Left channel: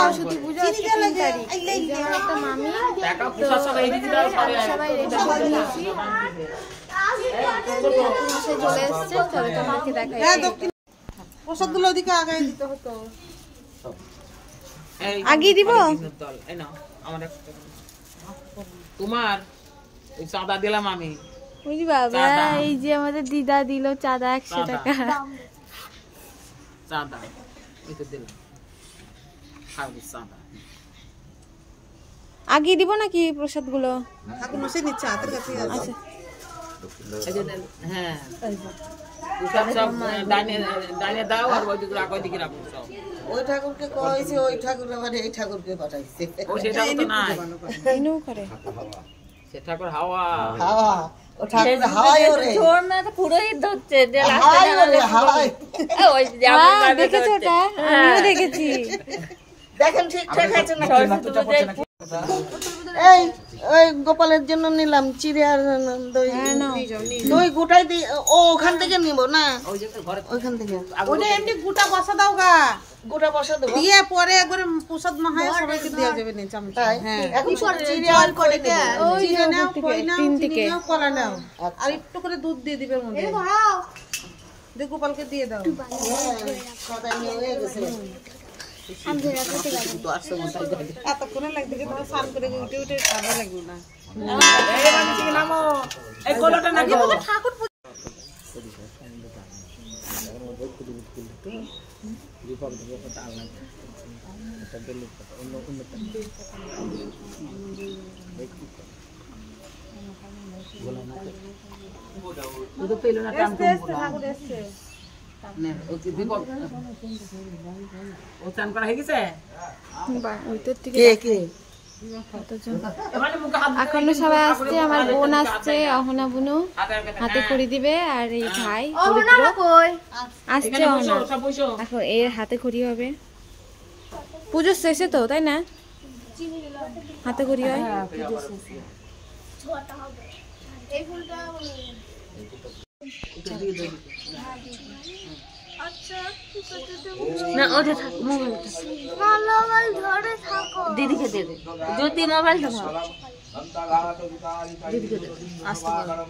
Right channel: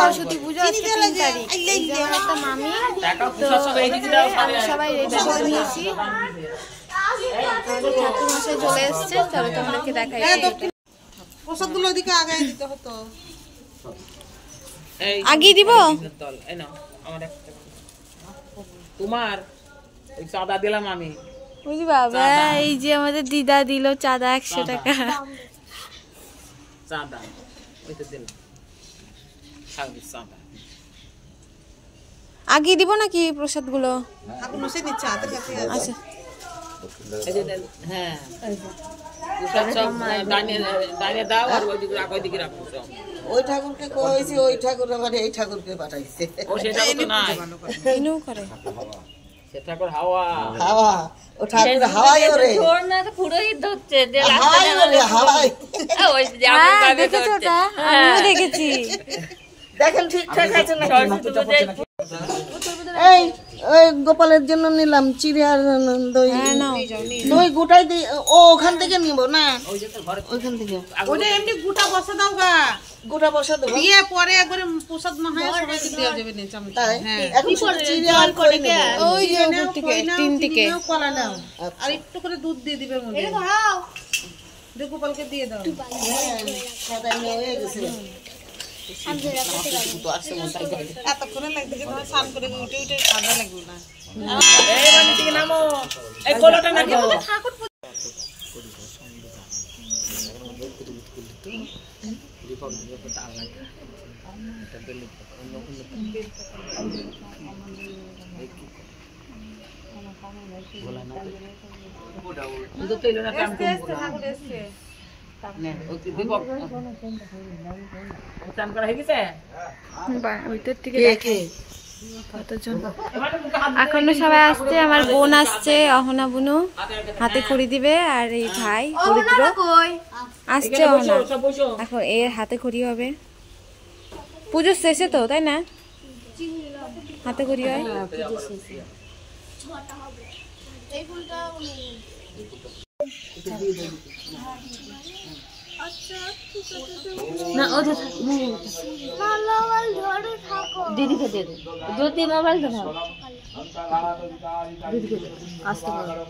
সরস্বতী পুজো আজকে 3 তারিখ। এই যে আমার একটা মামি, তো সবাই রেডি করে নিয়েছি। ঠাকুর মশাই চলে এসছে, চলো তোমাদেরকে দেখাই। প্রসাদগুলো ওদিকে আগায় দিতে হতো। আগে দিব তোমার ওই চাঁদা দিলাম আমি। ওই বাবা, এই যে আমাদের দিদা দিল চাঁদা 100 টাকা। চাঁদা এটা দিলাম, চাঁদা আগে দিব নাকি প্রসাদ গুলো? আচ্ছা হ্যাঁ, ডানে দাও আর ওইদিকে রাখো, ওইদিকে রাখো। ওই ঠাকুরকে কইছি, ওই ঠাকুর আবার এই ঠাকুরকে পাঠাইছে। ও সেটা তো নাই, ইনু করে সে ঠাকুর হাওয়া হাওয়া। ও ঠাকুর হাওয়াই ওরে, তোর না তো পুরোহিত হচ্ছে যে হাওয়াই ওরে, হাওয়াই। ওই যে হ্যাঁ দেখেছো ওটা? আমিও দেখেছি। দেখেন ঠিকঠাক আছে না? এই ওই গোপালের জন্য নিলাম চিড়ে আর দই। হ্যাঁ নাও। দই গোটাই দিই। ও ওখান থেকে নিব না, ওইখান থেকে। ওটা এমনি গোটা বসা দাও গা, গোটা বসা দেবো। দিয়ে পরে একবার প্রসাদ মহায় সবাইকে দিয়ে যাবে না চামচ। তাই হ্যাঁ, এখন সব চিড়ে আর করে কে? ওই যে উপর থেকে 3 থেকে কলা নাও আর একটু করে দুধ দিয়ে দিবে মধ্যে। দিয়ে গোপালকে দিয়ে দাও। সাদা নিয়ে হয়ে গেছে। এতক্ষণে লাগবে কি তোমার স্নান করে উঠে উঠে ঠান্ডা লাগবে না। এই মানে থেকে নামো, এই গোলাটা না দাও। ঠাকুর দুধ পেলো না কাম করব না। ঠাকুর এসছে। দীপক ও চান করা হয়ে গেছে? ওইটার থেকে কতজন এখনো সবাই আসছে। আমার বোন আসছে, অহনা বুনু হাতে খড়ি দিবে, আর এই ভাই পবিত্র আসছে। অহনা এখন এর হাতে খড়ি হবে। পুজো শেষে তো, তাই না? হাতে খড়ি হয়। না ওদের মোবাইল ধরে থাকো, দিদিকে দে দে, যদি মোবাইল ধরো দিদিকে দে। আস্তে করে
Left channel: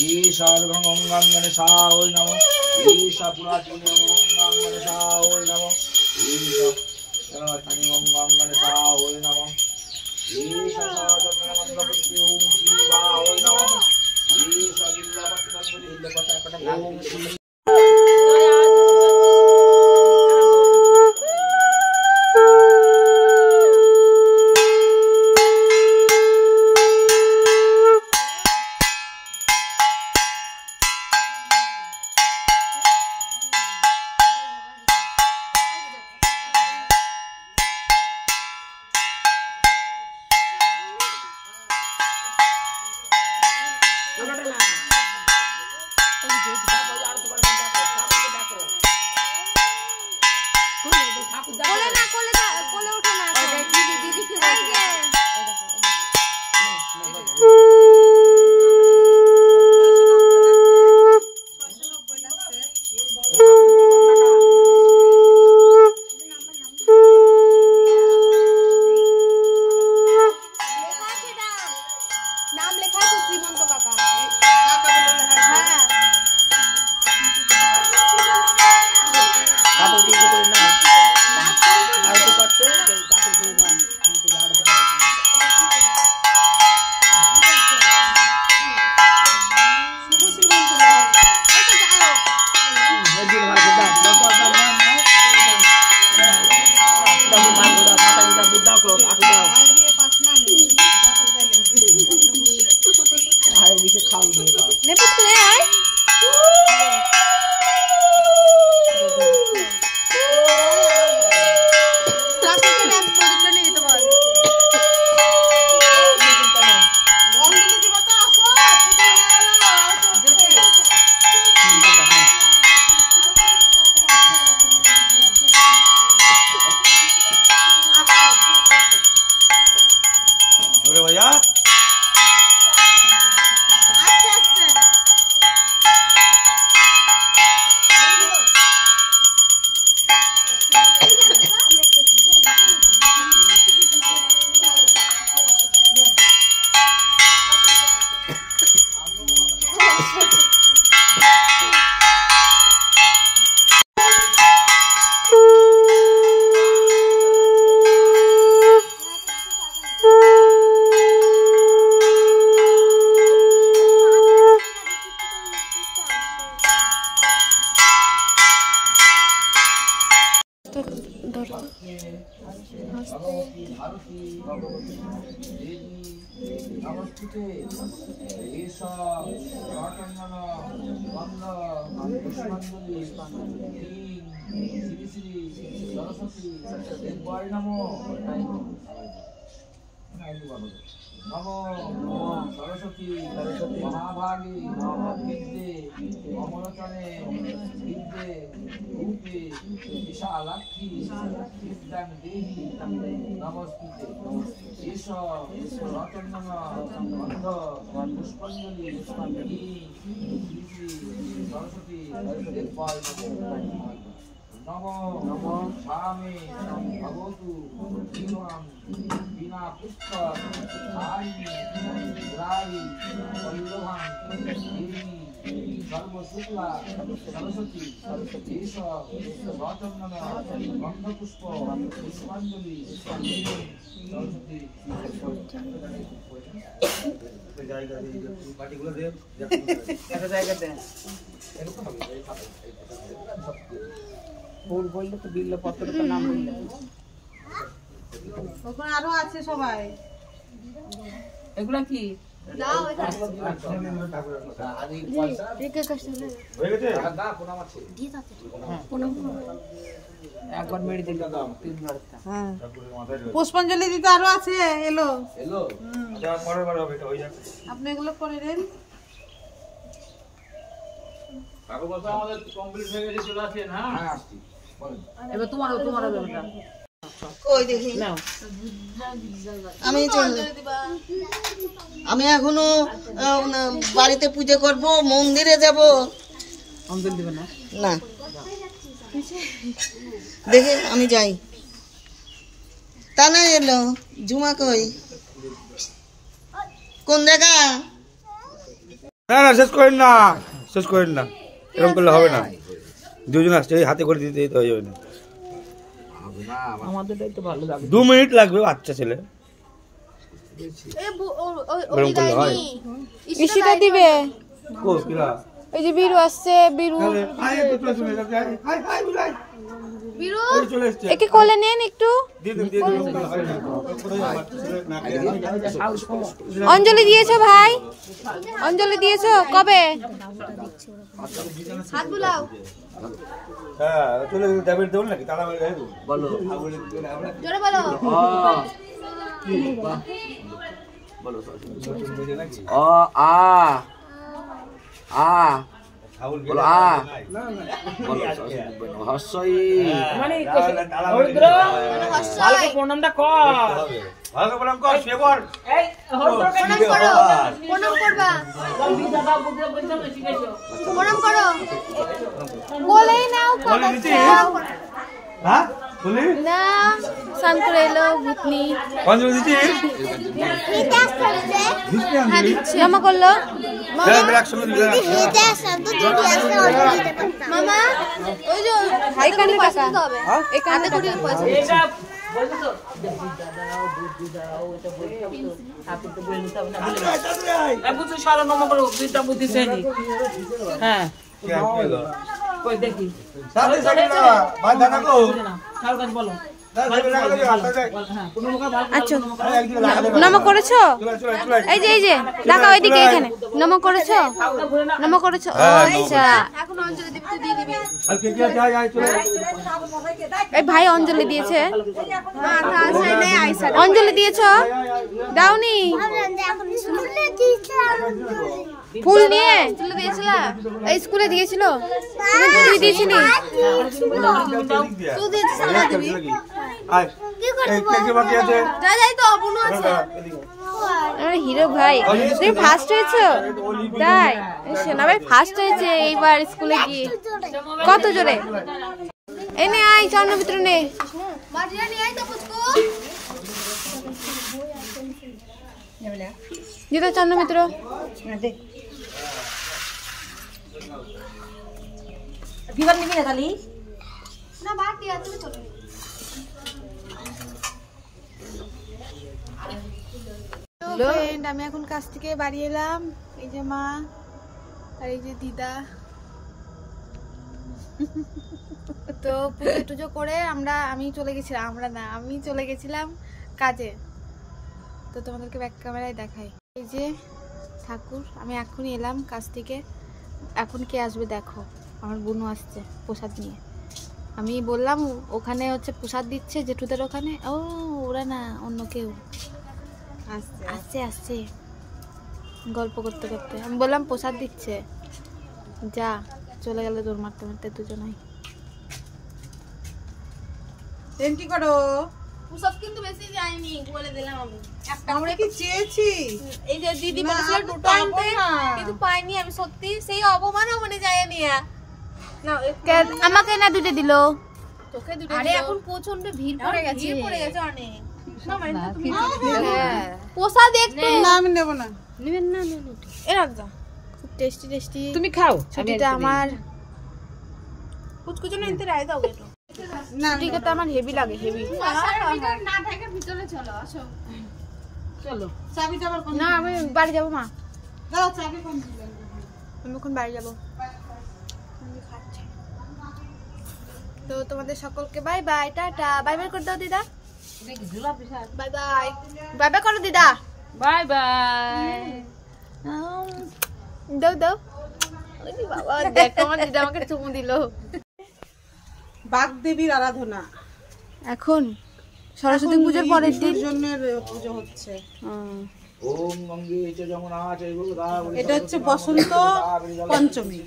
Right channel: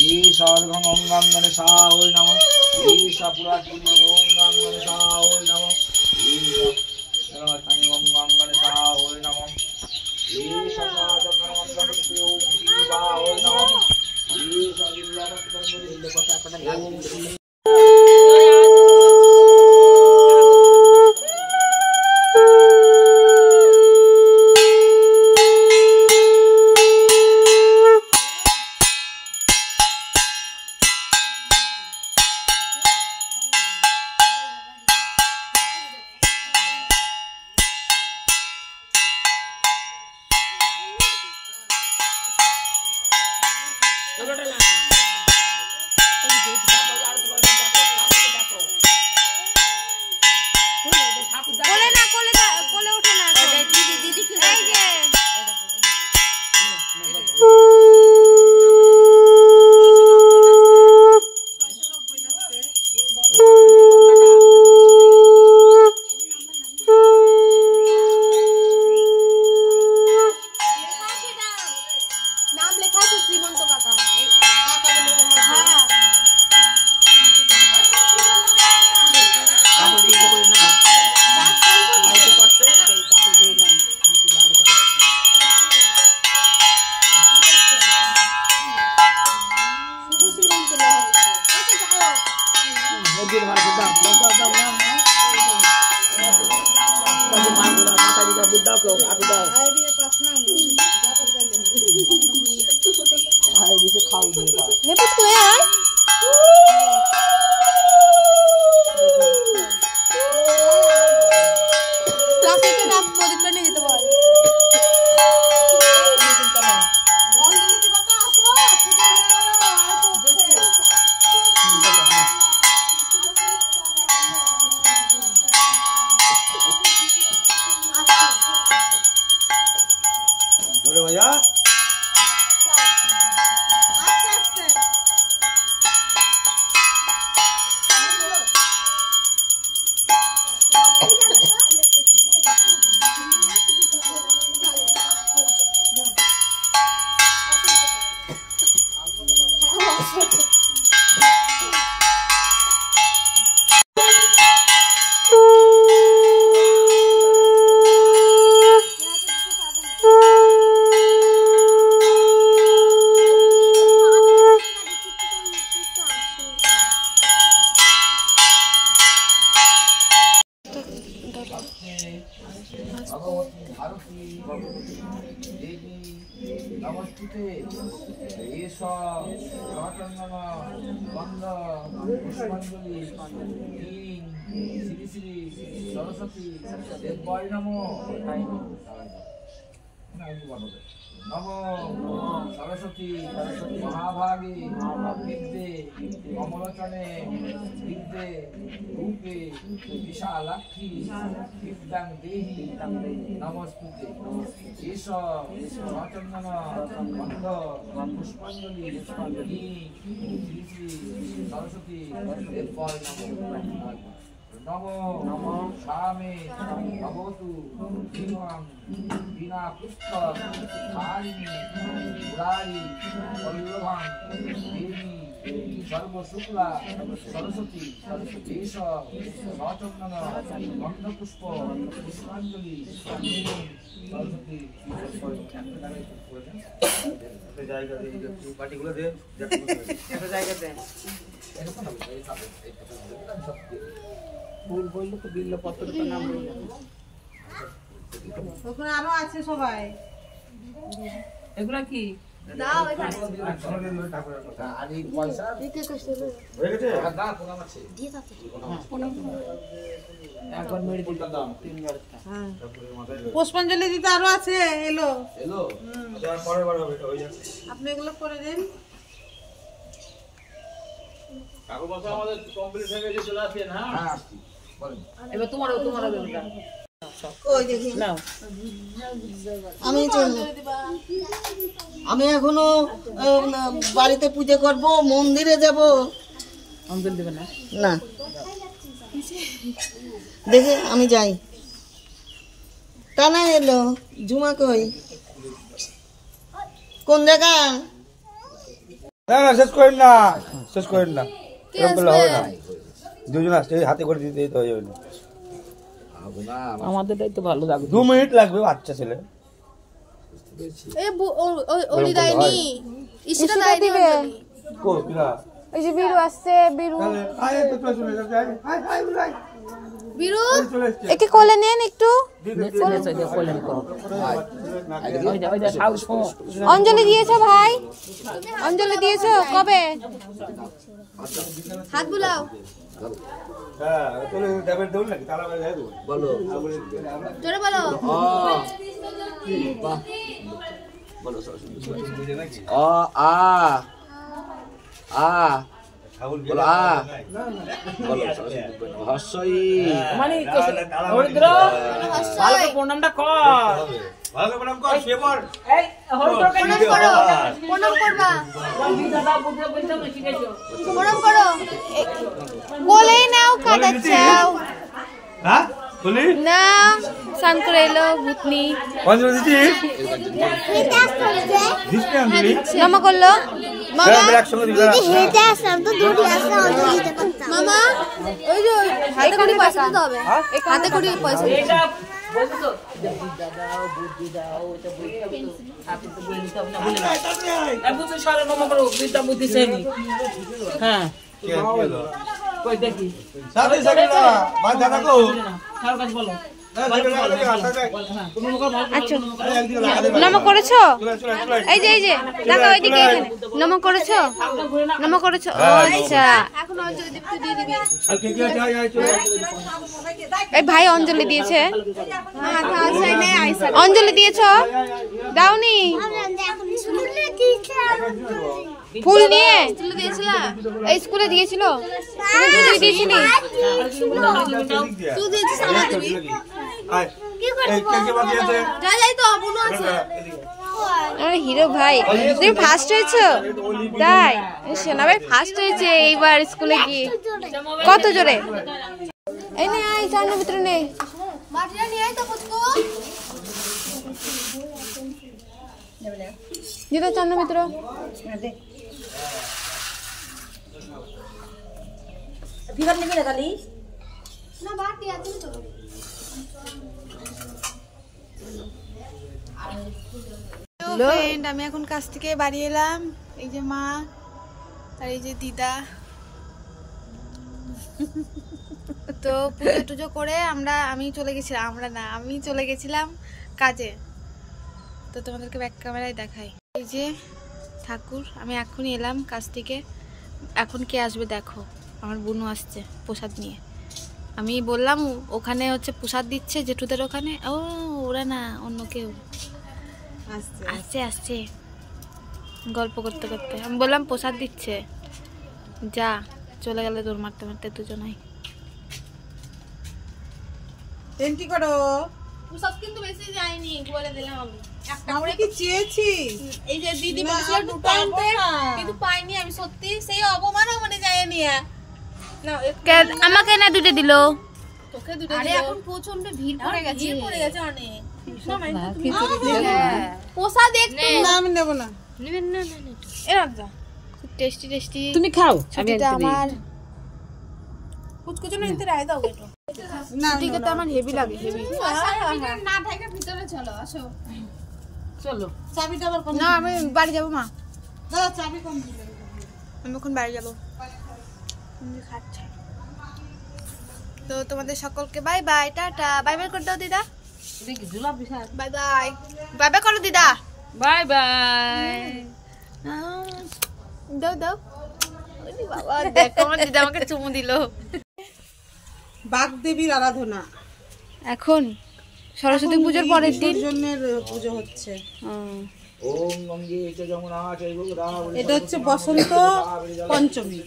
ईशा गंगणसा ओय नमः ईशा पुरातनी गंगणसा ओय नमः ईशा पुरातनी गंगणसा ओय नमः ईशा साधनमंडलपति ओम शिवा ओय नमः ईशा जिल्लामंडलपति ओम श्री কোলে না, কোলে ওঠে না। এই যে নাম লেখা আছে শ্রীমন্ত কাকা। নেপুত কই আয়? প্লাস্টিকের ব্যাগ প্রদীপটা নিয়ে যেতে বল। भगवती भारती देवी नमस्ते एष चंदन गंध पुष्पांजलि श्री श्री सरस्वती देवाय नमो नमो सरस्वती महाभागी विद्ये कमलचने विद्ये रूपे विशालाक्षी विद्यां देहि नमस्ते ईश चंदन गंध पुष्पांजलि श्री श्री सरस्वती देवाय नमो नमो स्वामी भगवतु जीवं बिना पुष्प धारिणी मुरारी वल्लभं देवी सर्व शुक्ला सरस्वती एष सचंदन गंध पुष्प पुष्पांजलि ওখানে আরো আছে সবাই এগুলা কি একবার মেরে দিলাম পুষ্পাঞ্জলি দিতে আরো আছে এলো এলো পরের বার হবে আপনি এগুলো করে দিন কাকু বাসা আমাদের কমপ্লিট হয়ে গেছে চলে আসেন হ্যাঁ আসছি বলেন এবার তোমার বেলটা কই দেখি নাও আমি এখনো বাড়িতে পূজা করব মন্দিরে যাব অঞ্জলি দিবে না না দেখে আমি যাই তা না এলো ঝুমা কই কোন জায়গা না শেষ করেন না এরকম করলে হবে না দুজন আসছে হাতে করে দিতে তো হবে না আমাদেরটাই তো ভালো লাগে 2 মিনিট লাগবে বাচ্চা ছেলে ইসিটা দিবে কো কিলা ওই যে বিরু আসছে বিরু আয় তো চলে যাচ্ছে হাই বুলাই বিরু একে কোলে নেন একটু অঞ্জলি দিয়েছো ভাই অঞ্জলি দিয়েছো কবে হাত বুলাও হ্যাঁ চলে যাবে দেব নাকি তালা মেরে দেব বলো জোরে বলো বলো অ আ আ বলো আ বলো হস্যই মানে হরিদ্র ভালো প্রণামটা কর ভালো প্রণাম কর সেবর এই হরিদ্র প্রণাম করবা বন্ধু দাদা বুদ্ধ বলতে না শিখাইছো প্রণাম করো বলেই নাও কথা চাও হ্যাঁ বলি না সান করে এলো ভূতনি অঞ্জলি দিছি হ্যাঁ দিচ্ছে মামা করলো মামা একসঙ্গে দিলা মামা ওই যে হাতে করে পয়সা দিতে হবে হাতে করে পয়সা এটা বলছো তো বুদ্ধি দাও ওটা বলতে আপনি তো বলে নিতে হবে না বলে এই বুদ্ধি সারা নম করো বিদ্যা বুদ্ধি সেনি হ্যাঁ কি হলো কই দেখি সাথে সাথে না ভাই দাদা কো তার কাছে বলো আচ্ছা নম করেছো এই যে দেখো ওইদিকে এখানে নম করেছো ও আচ্ছা এখন অঞ্জলি দিতে দিয়ে দিবি আর কে কে যাই চলে এই ভাই অঞ্জলি দিয়েছে অঞ্জলি দিয়েছো দাওনি ফুল নিয়ে এই স্কুলে দিয়েছিল তুই দিয়েছিলি তুই দিয়েছিস আর এই কে কে বাকি আছে যাই তো বুনো আছে আরে হিরো ভাই তুমি ফার্স্ট হয়েছো তাই সোনা ভাই ফার্স্ট হয়েছে এইবার স্কুলে গিয়ে কত জোরে এই নে আই চন্ন ভিতরে নে মাটিটা নিয়ে আই তো পুচকু যেটা চন্ন মিত্র বিবার নিবি না কালি না বাটি আছে চলো ফ্রেন্ড আমি এখন কাছ থেকে বাড়ি এলাম এই যে মা আর এই যে দিদা তো পুজো টুজো করে আমি চলে গেছিলাম কাজে। তো তোমাদেরকে ব্যাক ক্যামেরায় দেখাই। এই যে ঠাকুর, আমি এখনই এলাম কাজ থেকে। এখন কে আসবে দেখো, আমার বোনও আসছে প্রসাদ নিয়ে। আমি বললাম ওখানে হচ্ছে প্রসাদ দিচ্ছে জেঠুদের ওখানে। ও ওরা না, অন্য কেউ আসছে গল্প করতে করতে। আমি বললাম প্রসাদ দিচ্ছে, যা। চলে গেলে দৌড় মারতে মারতে দুজনাই। এন্ট্রি করো। প্রসাদ কিন্তু বেশি যায়নি, বলে দিলাম আমি। একটা আমরা কি চেয়েছি? এই যে দিদি বলেছিল দুটো আনতে, কিন্তু পাইনি আমি সত্যি। সেই অপমানও মানে যায়নি। না আমাকে না দুটো দিল, তোকে দুটো দিল। আরে এখন প্রচন্ড ভিড় পড়ে গেছে অনেক। না মানে তুমি প্রসাদ একটু না আমি নেব না। নেবেন না এরা খুব টেস্টি। তুমি খাও। ছুটিটা আমার কুচকুচো না ইনতে রায় দাও একটু। ছুটিটা তো আমার হেভি লাগে, হেভি। না ঢাকা ভিতরে চলো, আসো। চলো। চাবিটা আবার কোন? না আমি বাড়ি যাবো মা। দাদা চাবি কোন দিলে? আমি এখন বাড়ি যাবো। তো তোমাদের সকলকে bye bye, tata. Bye bye করে দাও দিদা। বাই বাই, বাই বাই করো দিদা। Bye bye. দাও। বাবা দেখো আমার দিদা আমাকে চুমু দিল। বাগদেবীর আরাধনা এখন সরস্বতী পুজোর পরের দিন জন্যের পুজো হচ্ছে। ওম গঙ্গে চ যমুনা চৈব গোদাবরী। এটা হচ্ছে বসন্ত পঞ্চমী।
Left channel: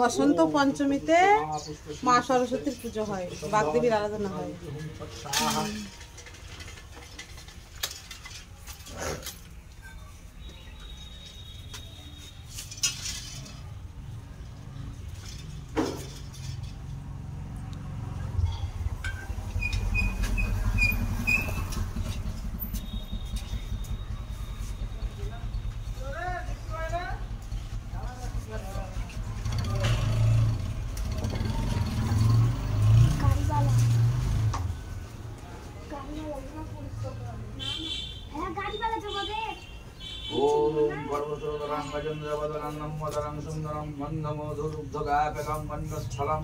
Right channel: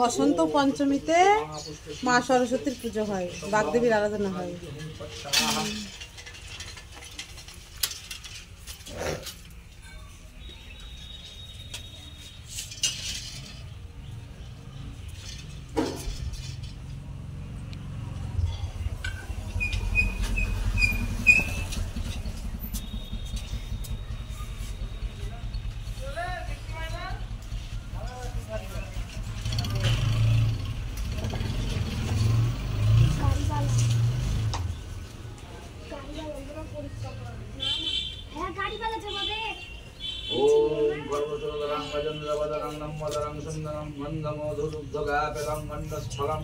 বসন্ত পঞ্চমীতে মা সরস্বতীর পুজো হয়, বাগদেবীর আরাধনা হয়। ओम गर्भचोदरं गजेन्द्रवदनं नम्मदरं सुन्दरं मन्दमधुरुग्धगापकं मन्दस्थलं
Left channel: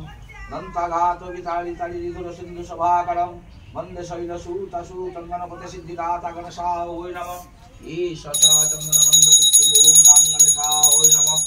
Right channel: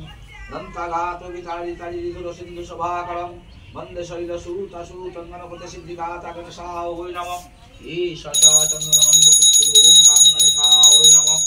नन्थघातवितारितरिदुरसिन्धुसभाकरं मन्दशैलसूतसूतङ्गनपतिसिद्धिकातगणसाय नमः ईशसा चन्द्रमन्दपुष्टे ओम गाङ्गणसाय नमः